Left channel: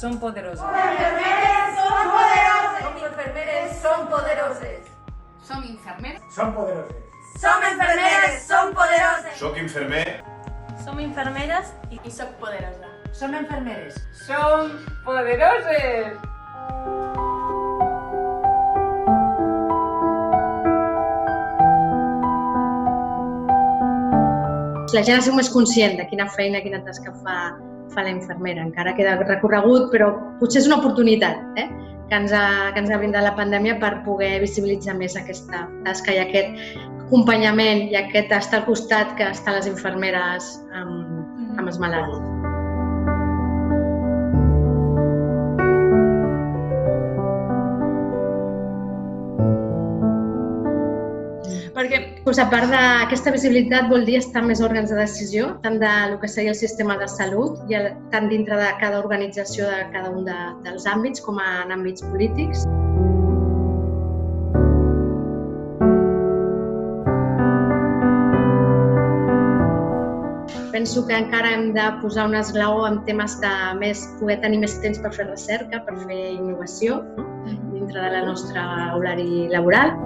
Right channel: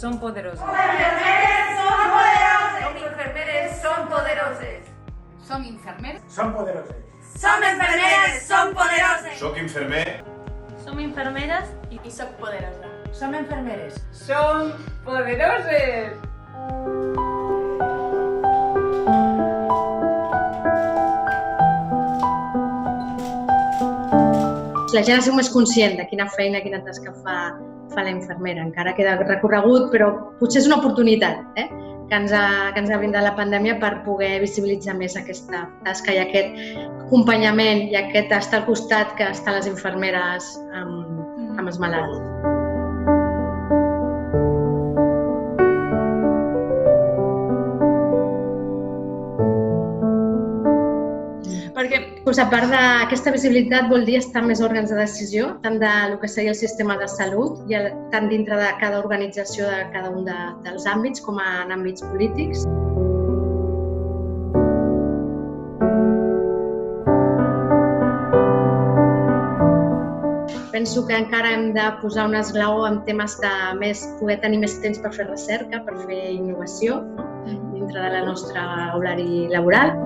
Són poderosos. Som enfermeres, som poderoses. Som infermeres, som poderoses. Som infermeres. Som poderoses. Som enfermeres, som poderoses. Soc infermer. Som infermeres I soc poderosa. Som infermeres. Som poderoses. La gent ha sigut més conscient de quina feina, quina tasca fa la infermera. Encara queda recorregut, però potser és una oportunitat que ens ha brindat la pandèmia per poder visibilitzar més aquesta tasca i aquest acompanyament i aquest estar al costat que estan les infermeres amb els malalts. Perquè, a part d'aquesta visibilitat, vol dir estar en més òrgans de decisió, tant del que seria el sistema de salut, tant dintre de cada organització de cada un dels àmbits, com en àmbits polítics. Penso que encara hem de posar un esglaó en temes de poder tenir més temps per fer recerca, per fer innovació dintre del nostre horari laboral.